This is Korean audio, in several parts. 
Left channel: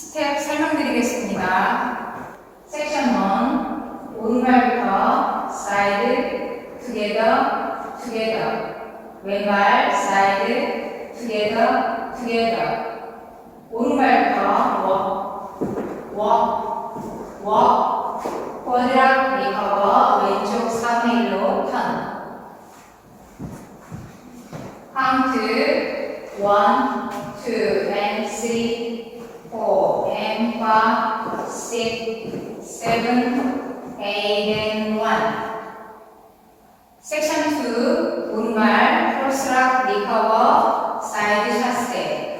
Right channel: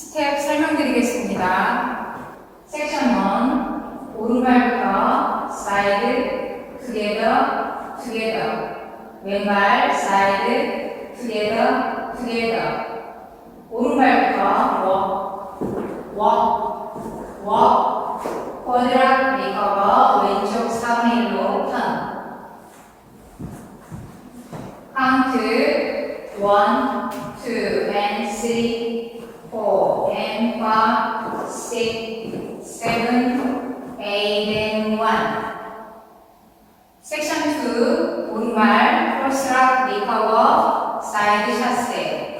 스텝 설명드리겠습니다. 섹션 1, 오른발부터 사이드, 투게더, 투게더. 왼발, 사이드, 투게더, 투게더. 오른발부터 워, 쿼드락 리커버, 왼쪽 4분의 1로 턴. 카운트 1, 2, and 3, 4, and 5, 6, 7, 8, and 1. 섹션 2, 오른발 크로스락 리커버, 사이드 샷스텝.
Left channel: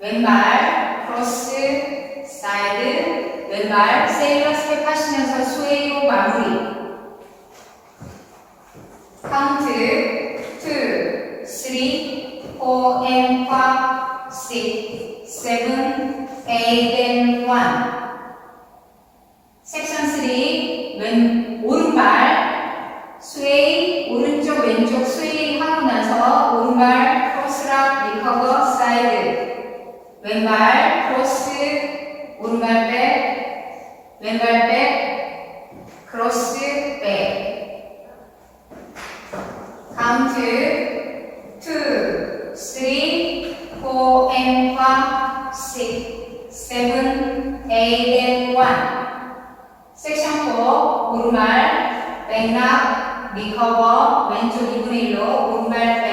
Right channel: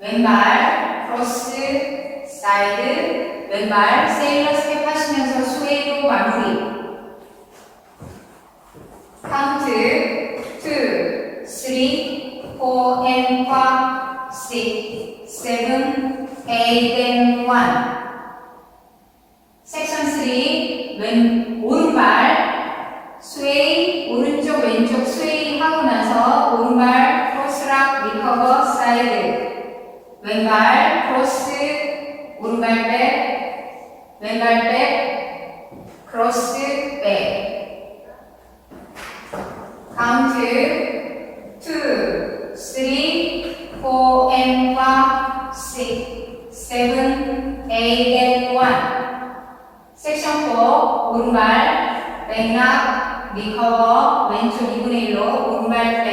왼발 크로스, 사이드, 왼발 세일러 스텝 하시면서 스웨이로 마무리. 카운트 2, 3, 4, and 5, 6, 7, 8, and 1. 섹션 3, 오른발 스웨이, 오른쪽 왼쪽 스웨이 하고 나서 오른발 크로스락 리커버 사이드. 왼발 크로스, 오른발 백, 왼발 백, 크로스 백. 카운트 2, 3, 4, and 5, 6, 7, 8, and 1. 섹션 4, 오른발 백락, 리커버, 왼쪽 2분의 1로 오른발 백.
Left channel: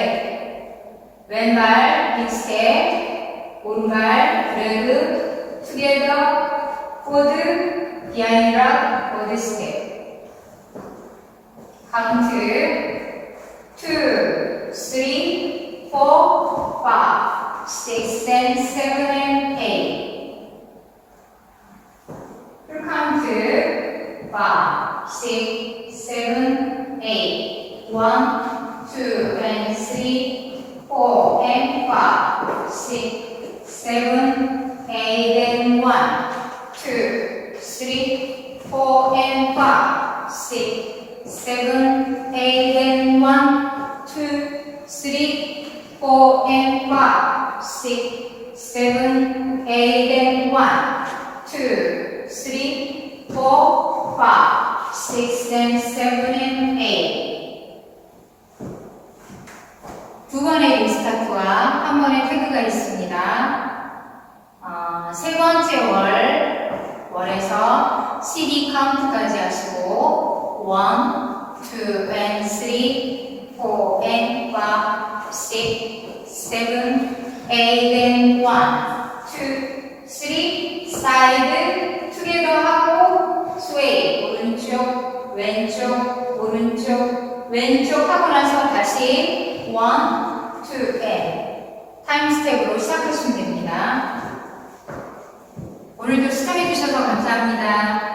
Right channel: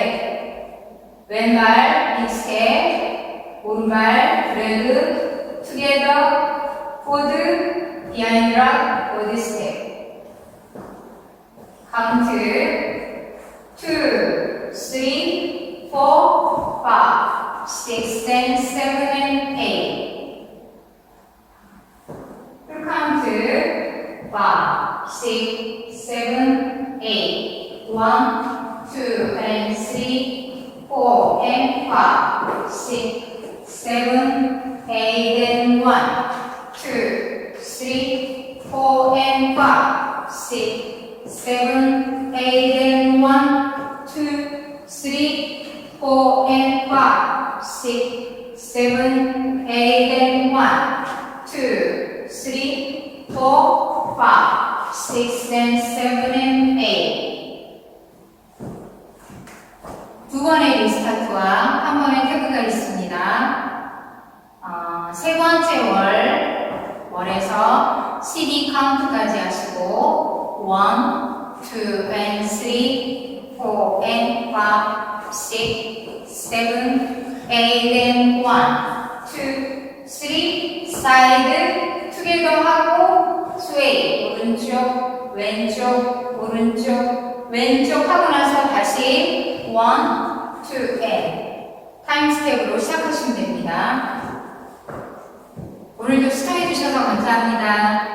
왼발 빅스텝, 오른발 드래그, 투게더, 포드, 비하인드락, 포드 스텝. 카운트 2, 3, 4, 5, 6, and 7, and 8. 풀 카운트 5, 6, 7, 8. 1, 2, and 3, 4, and 5, 6, 7, 8, and 1, 2, 3, 4, and 5, 6, 7, 8, and 1, 2, 3, 4, and 5, 6, 7, 8, and 1, 2, 3, 4, 5, 6, and 7, and 8. 두 번의 리스타트와 한 번의 태그가 있습니다. 세 번째 월에서 12 카운트까지 하시고 1, 2, and 3, 4, and 5, 6, 7, 8, and 1, 2, 3, 사이드, 투게더 하고 스웨이, 오른쪽, 왼쪽, 오른쪽, 왼쪽 하고 나서 다시 1, 2, and 타임 스텝으로 시작하시면 됩니다. 오늘도 시청해주셔서 감사합니다.